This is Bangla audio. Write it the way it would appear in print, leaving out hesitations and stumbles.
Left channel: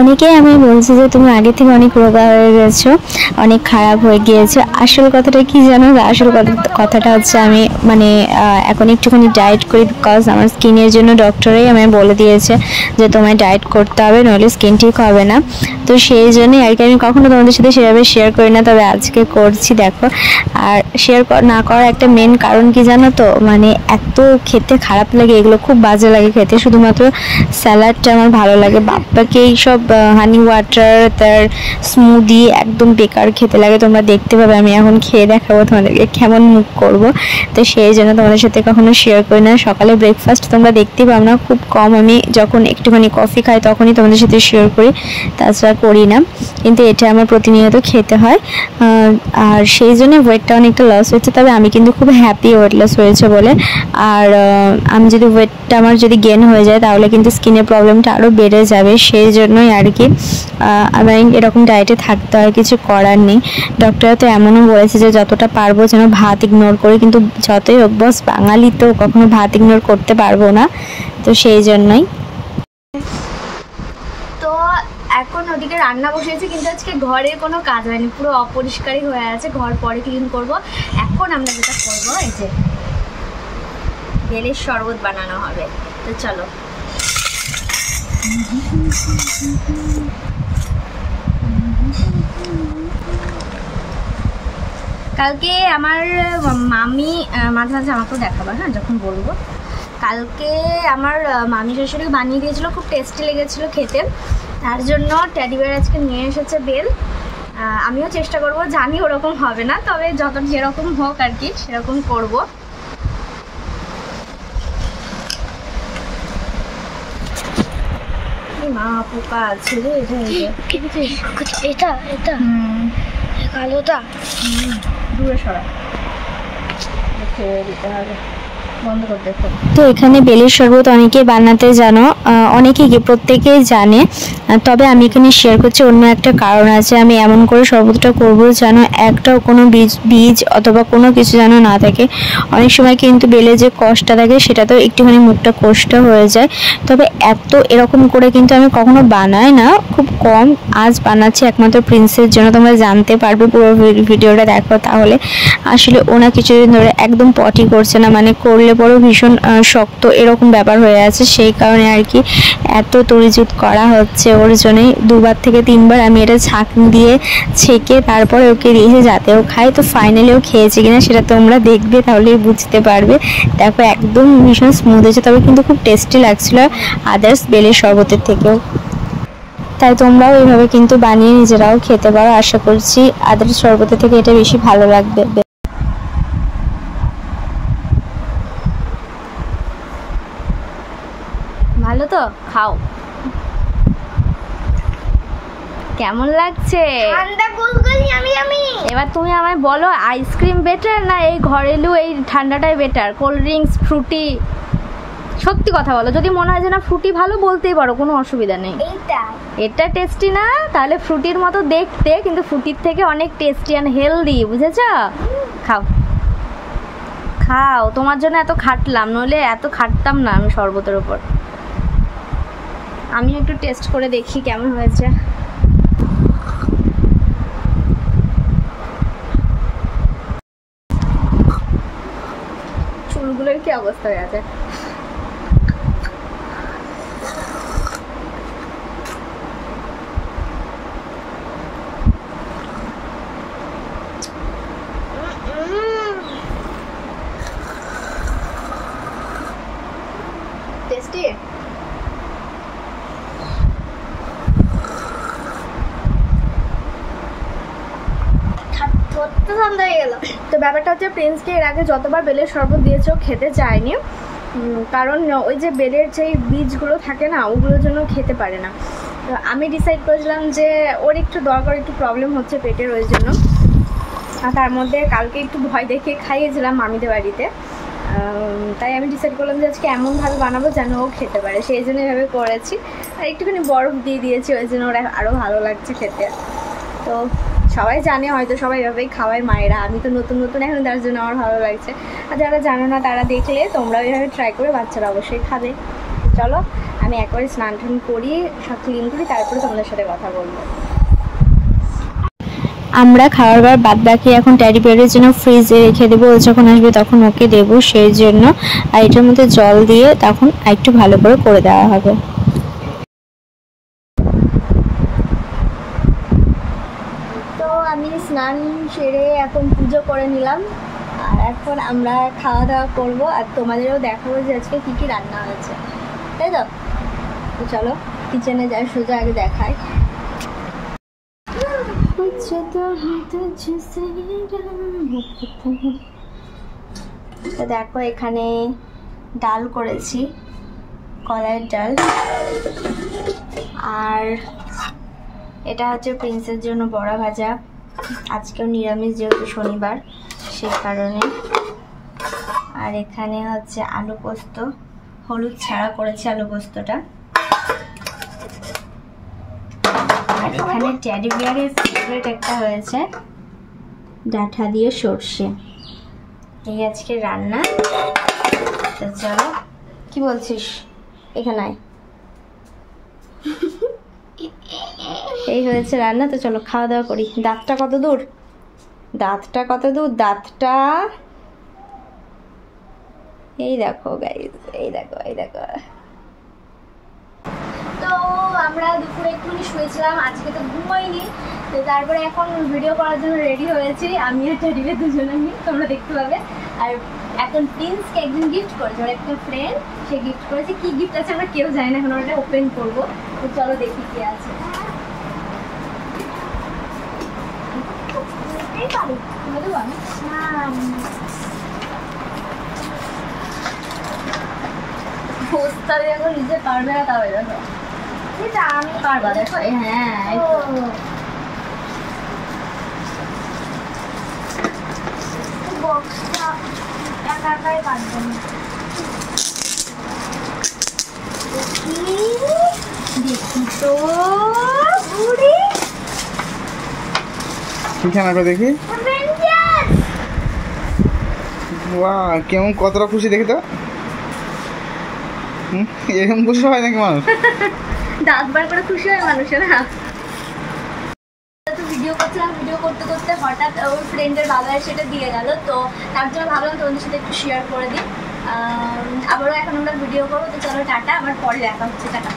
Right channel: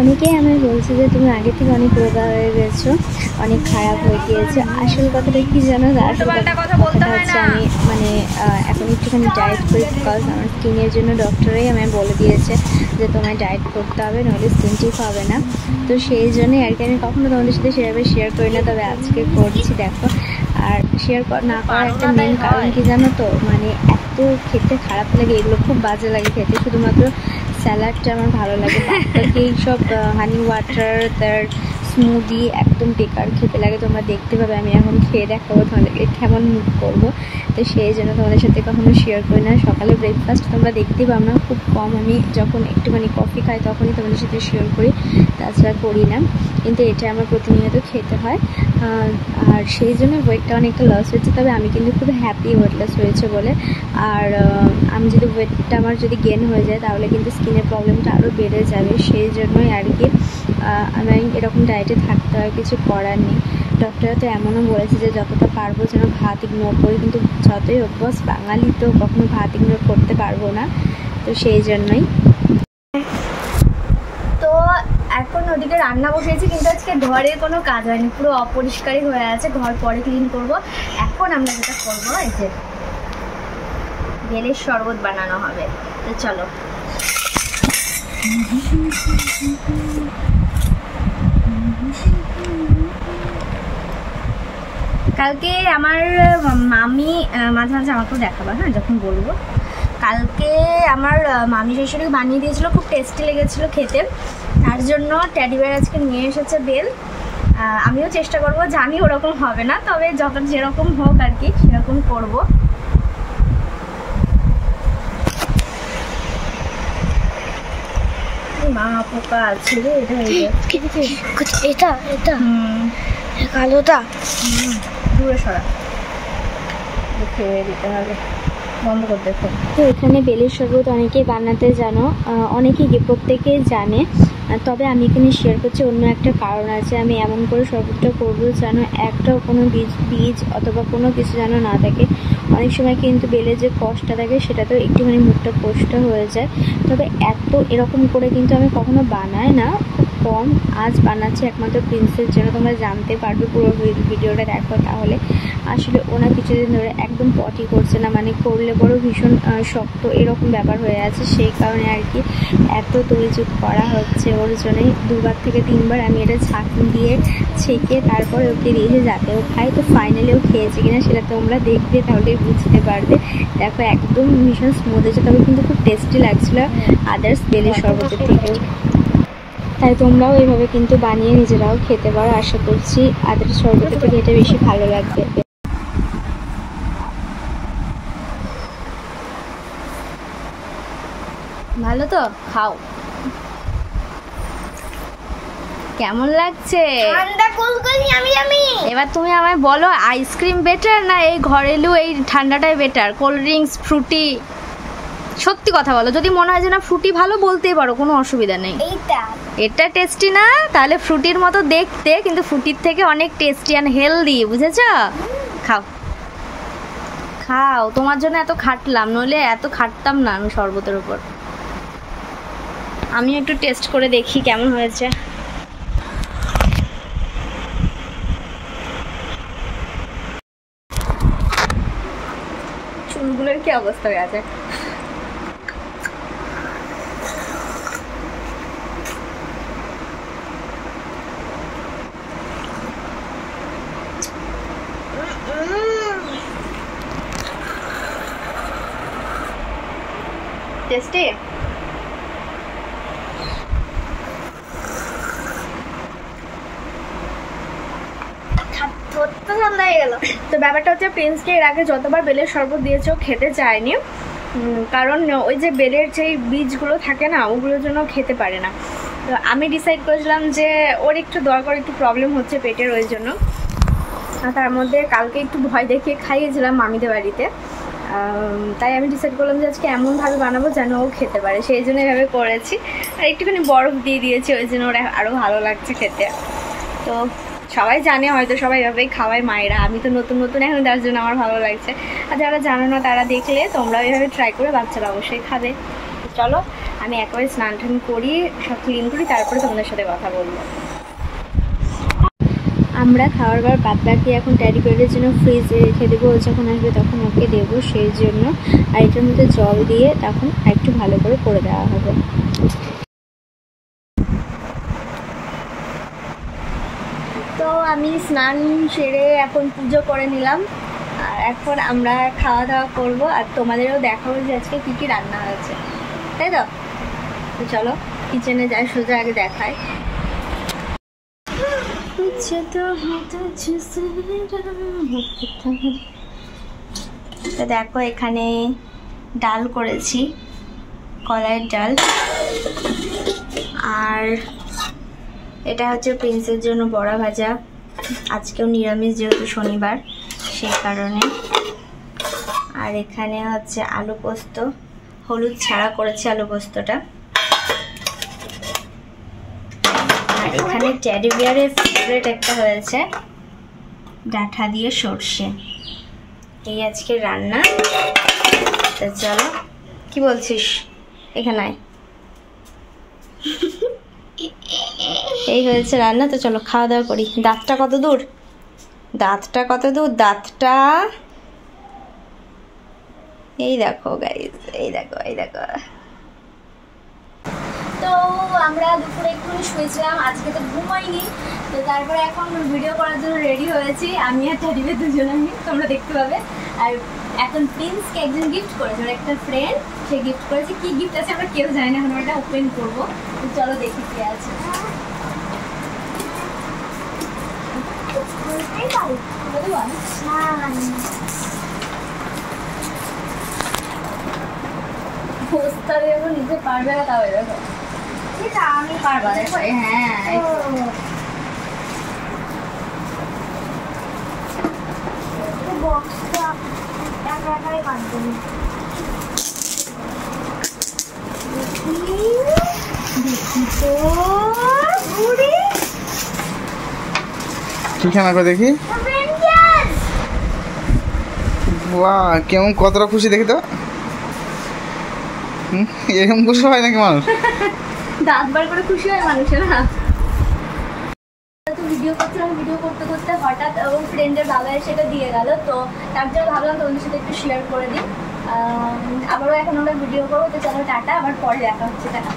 অনেকেই আমি বলছি যে তুমি আগে থেকে অনেক রোগা হয়ে গেছো, অনেক খারাপ হয়ে গিয়েছো। আসল কথাটা কি জানো? আসল কথাটা হচ্ছে আমি মানে এখন একটুখানি ডায়েট করি, বিকজ আমার স্কিনের জন্য ডক্টরেই আমায় বলে দিয়েছে যে তোমায় ডায়েট করতে হবে, নইলে স্কিন ঠিক হবে না। তো সেই জন্যই আর কি আমি কখনো তোমাদের সাথে সেভাবে শেয়ার করি না, তবে আজকে করছি দেখো। আর শেয়ার না করার একটা মেন কারণ কি জানো তো, মানে এত খেতে খারাপ লাগে, এগুলো খুব বাজে লাগে খেতে। শুধুমাত্র স্যালাডটা আমার ভালো লাগে, বাকি এইসব হানি ওয়াটার, তার স্মুদি একদম বেকার খেতে লাগে। তোমরা দেখতে পাবে, আমি এখন খেয়ে দেখাবো তোমাদেরকে কেমন মুখ করব। তো সেই জন্য তোমাদের সাথে কখনো শেয়ার করি না। সকালে ব্রেকফাস্ট তোমরা দেখতেই পাও না, খুব কম। আমি যখন একটুখানি কফি খাই তখনই তোমাদের সাথে শেয়ার করি, তাছাড়া করি না। কিন্তু এটা আমার প্রতিনিয়ত খেতে হয়, আর সেই জন্য ওয়েটটা অনেকটা লস হয়েছে। তবে আমি কিন্তু খুব হ্যাপি ওয়েট লস হয়েছে বলে। আর আমি যদি ওয়েটটা আমার যদি গেন হয়ে যায় তাহলে কিন্তু স্কিনের প্রবলেমটা আরও বেড়ে যাবে। সেই জন্যই আর কি আমি এরকম ডায়েটে থাকতে হয়, কিছু করার নেই। ডক্টররা তো এমনও বলেছে যে যতটা পারবো যেন ভাত ইগনোর করি, কিন্তু যতই হোক বস বাঙালি তো কখনো ভাত ইগনোর করতে পারবো না, তো সেই জন্যই। তো এখন ওদিকে রান্না বসিয়েছি, কিন্তু আজকে ঘরে কোনো কাজ হয়নি, পুরো অপরিষ্কারই হয়ে আছে। ঘর পরে ক্লিন করব। এখন আমরা যেটা করবো, এই যে বেলের শরবত বানানো হবে। তো চলো। কালকে আমার মামি মাঝে মাঝে আমাকেও দেখাবো, হ্যাঁ, যখন বলবো। কালকে আমার মামি শ্বশুরকে বানিয়ে দিয়েছিল, খুব টেস্টি লেগেছিলো খেতে। তার জন্য টেডি বিয়ার আজকে নিয়ে এসেছে বেল। আমিও চেষ্টা করব, জানি ওরকম হবে না, তবে যেরকম হোক আর কি সেরকম করব। মা পোকা আছে রে, এটা কালোটা দূরে সরা, খেয়ে দিতে হবে। বন্ধ করে দেখো। তো এখানে বেলের শরবত অনেকেই বানাতে জানো, অনেকেই প্রত্যেকেই জানে, তবে আমি এখানে শেয়ার করছি অন্য একটা কারণ আছে। আমি এমন করে শরবতটা করবো যেন একটাও কোনো বীজ অথবা কোনো কিছু যেন না থাকে। অনেক সময় কিন্তু বেলে যে কষটা থাকে সেটা তো একটুখানি মুখটা কষ্ট হয়ে যায়। তবে এত এরকম করে কিন্তু আমি কখনো বানাই না, খুব কম। আজ বানাচ্ছি একমাত্র প্রিন্সের জন্য, তোমরা জানতে পারবে পুরো ভিডিওটা দেখো তাহলে। আসলে ওনা কিছুদিন ধরে একদম পটি করছে না, মানে করলে বড় ভীষণ শক্ত এরকম ব্যাপার হয়ে আছে। সেই কারণে আর কি এত তরিজুত করা হচ্ছে ওর জন্যই। 2বার থেকে 3বার আমি এটা ছাঁকনি দিয়ে ছেঁকে তারপরে ওকে দিয়েছে যাতে ও খায়। তো ফাইনালি ও খেয়েছে কিনা সেটা তোমরা দেখবে, তাহলেই বুঝতে পারবে। দেখো একদম ভীষণ স্মুথ হয়েছে, তবে কিন্তু খুব টেস্টি লাগছিল আদার্স বেলের শরবতের থেকেও। তাই তোমরাও এইভাবে কিন্তু বানিয়ে নিজেরাও খেতে পারো। আশা করছি আদার্স শরবতের থেকে এটা বেশি ভালো লাগবে। ভালো তো, খাও। কেমন লাগছে? ঠান্ডা কুলকুলি আমি। এবার তুমি আমায় বলো, আইসক্রিম বেটার না এই ঘরেলু এই ঠান্ডাটাই বেটার? কোল্ড ড্রিঙ্কস, ফ্রুটি, সত্যি কথা বলো। যদি মনে হয় যে না ফ্রুটি ভালো, বলতেই পারো, কোনো অসুবিধা নেই। এটা টেস্টি না? তাহলে ফ্রুটির মতো দেখতে, কিন্তু ফ্রুটির থেকে অনেক টেস্টি অ্যান্ড হেলদি, বুঝেছো? খাও খাও, তোমার জন্য এত খাটলাম, নইলে এত খাটতাম না আমি শরবতের উপর। আমি একটু টেস্ট করে দেখি কেমন হয়েছে। চুলগুলোর কি অবস্থা হয়ে আছে? টেস্টি। তো ব্যাপারটা হচ্ছে, প্রিন্সকে এর আগে যতবার বেলের শরবত দিয়েছে ও খেতে চায়নি, কারণ ওই যে বেলের যেই বীজগুলো থাকে না, ওগুলোর জন্য খেতে পারে না। তো আমি ডিসাইড করেছিলাম যে ওর একটু দরকার, একটু প্রবলেম হচ্ছে পেটের, ওই জন্য। আর তার মধ্যে কালকে একটু ভয় দেখিয়ে খাইয়েছিলাম মামিদের বাড়িতে, তাই আমি ডিসাইড করলাম যে আজকে এমনভাবে বানাবো যেন ও খেতে পারে, সেই জন্য এভাবে করেছি। আর একটুখানি বরফ দিয়ে দিয়েছি, ওই জন্য ওরা আরও ভালো লাগছে খেতে। তো সবাই জানে হয়তো, সবাই এভাবেই খাওয়ায় মায়েরা, আমি তো নতুন নতুন এখন, তার জন্য আমার ভালো লাগছে। আর যারা জানো না তারা দেখলে তোমরাও এভাবে ট্রাই করে বাচ্চারা অবশ্যই খাবে। চলো আমি একবারে স্নান টান করি, সব ক্লিন করি, তারপরে তোমাদের সাথে কথা বলবো। আমরা খাওয়ার পর বাদ বাকি এখন ট্যাডি বিয়ারের জন্য ফ্রিজে রেখে দেবো, ও যখন আসবে তখন ওকে দেবো সেই জন্য। আর এটার মধ্যে জল দিয়ে তখন একটু ভালো করে দেওয়া হবে। তো আমি স্নান সেরে এখন পুজো করে নিলাম, আর এখন আমরা খাওয়া দাওয়া করবো, আর তোমাদেরও দেখাবো যে আজকে কী কী রান্না হয়েছে, তাই তো? তো চলো কিচেনে যাই, সোজা আগে দেখাই। তো দেখো এখানে ডাল করেছি, কলাইয়ের ডাল, আর এটা হচ্ছে প্রিন্সের জন্য বড়া ভাজা, আজকেও নিরামিষ যেহেতু শনিবার সেই কারণে। আর এখানে হচ্ছে আলু পোস্ত, হলুদ ছাড়া করেছি আলু পোস্তটা। আর এখানে টেডি বিয়ারের ফেভারিট একটা হয়েছে ডাঁটা দিয়ে সর্ষে। এই আজকে রান্না। তো চলো, কি বলছিস এখানে? এই হয়েছে রান্না। তো চলো খাওয়া দাওয়া করি। দাঁতটা কত দূর, দাঁতটা এই দেখো গাইস, এই দেখো। তো আমরা দুপুরে একটুখানি শুয়েছিলাম, আজকে তো ঘুমাইনি। তো তারপরে এখন ভিডিও করার জন্য রেডি হয়েছি, আমি আর টেডিবে দুজনে, তোমরা দেখতে পাবে। আর এখন প্রিন্সকে একজন গিফট করেছে, ওর একটা ফ্রেন্ড, সে গিফট করেছে। কি গিফট আছে আমরা কেউ জানি না, এখন ওটা ওপেন করবো। তো চলো দেখি কি আছে। পোস্টারে এখন নিতে পারবে না, তাও দেখো এটা আমি পারবা, দেখো। হ্যাঁ বক্সটা একা একাই পারবো না। দেখি তো ঠিকানা করে দেখি। বাহ, কেমন কতটা খুশি দেখি তো। এরকম খুশি হয় নাকি মানুষ? দাঁত বার করে খুশি হয় মানুষের না। তো ভিডিও করছিলাম, ভিডিও করতে করতে হঠাৎ ওর ফ্রেন্ডের বাবা সেটা দিয়ে গেল, তো তার জন্য ভাবলাম তোমাদের সাথে একটু শেয়ার করে দিই। আবারও এখন আমরা ভিডিও করবো। তো চলো টাটা, আবার পরে দেখা হচ্ছে, টাটা।